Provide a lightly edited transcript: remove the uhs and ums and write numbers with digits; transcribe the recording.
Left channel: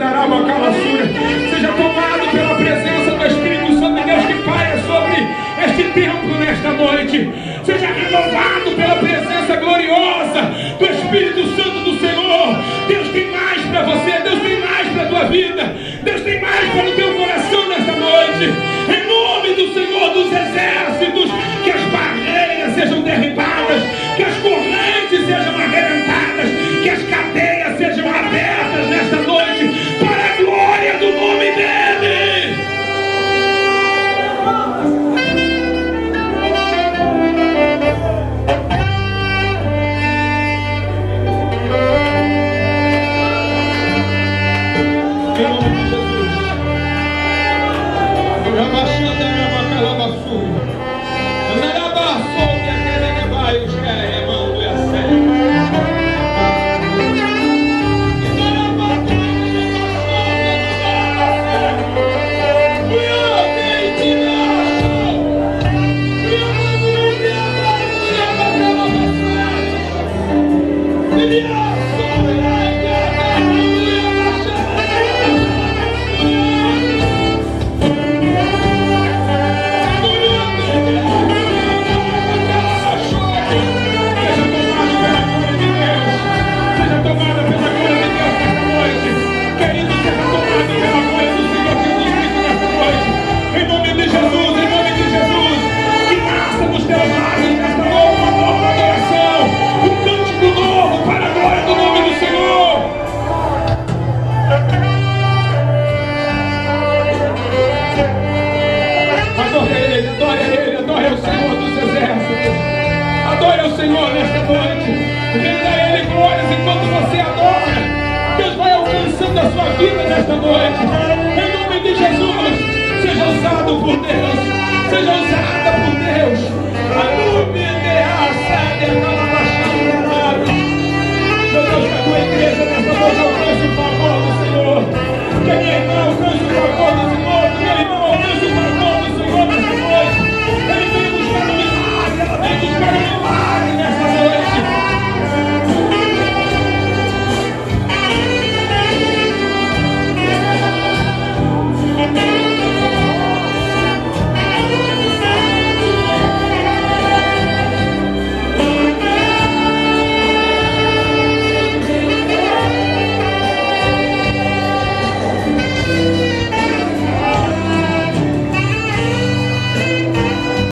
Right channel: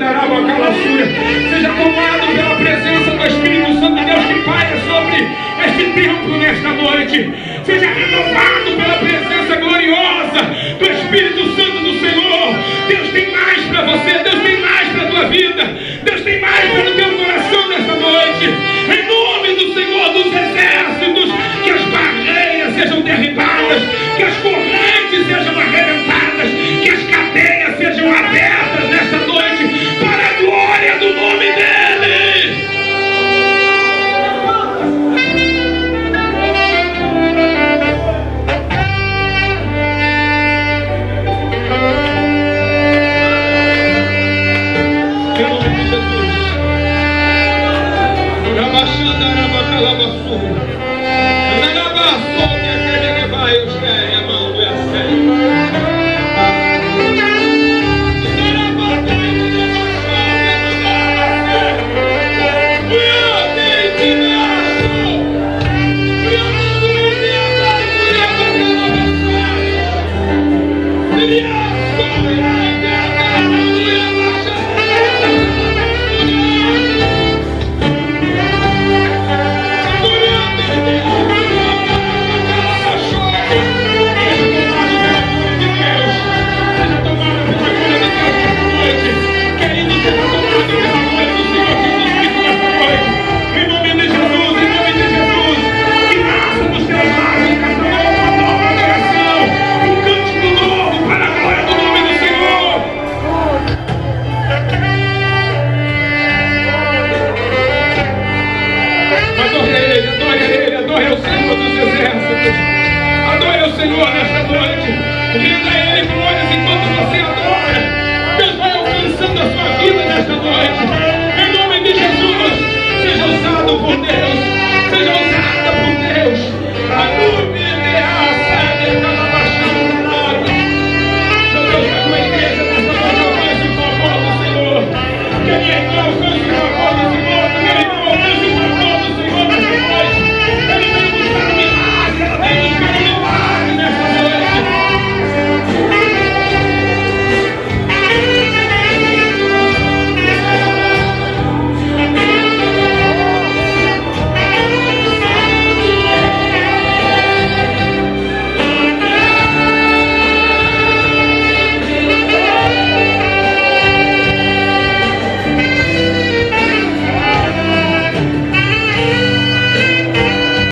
Seja tomado pela presença do Espírito Santo de Deus que paira sobre este templo nesta noite. Seja renovado pela presença gloriosa do Espírito Santo do Senhor. Deus tem mais para você, Deus tem mais para a tua vida, Deus tem mais para o teu coração nesta noite. Em nome do Senhor dos Exércitos, que as barreiras sejam derribadas, que as correntes sejam arrebentadas, que as cadeias sejam abertas nesta noite, para a glória do nome dEle. Em nome de Jesus. Senhor, nesta noite, renda a Ele glórias enquanto você adora. Deus vai alcançando a sua vida nesta noite. Em nome de Jesus, seja usado por Deus, seja usada por Deus. Aleluia, meu Deus, que a tua igreja nesta noite alcance o favor do Senhor. Que a minha irmã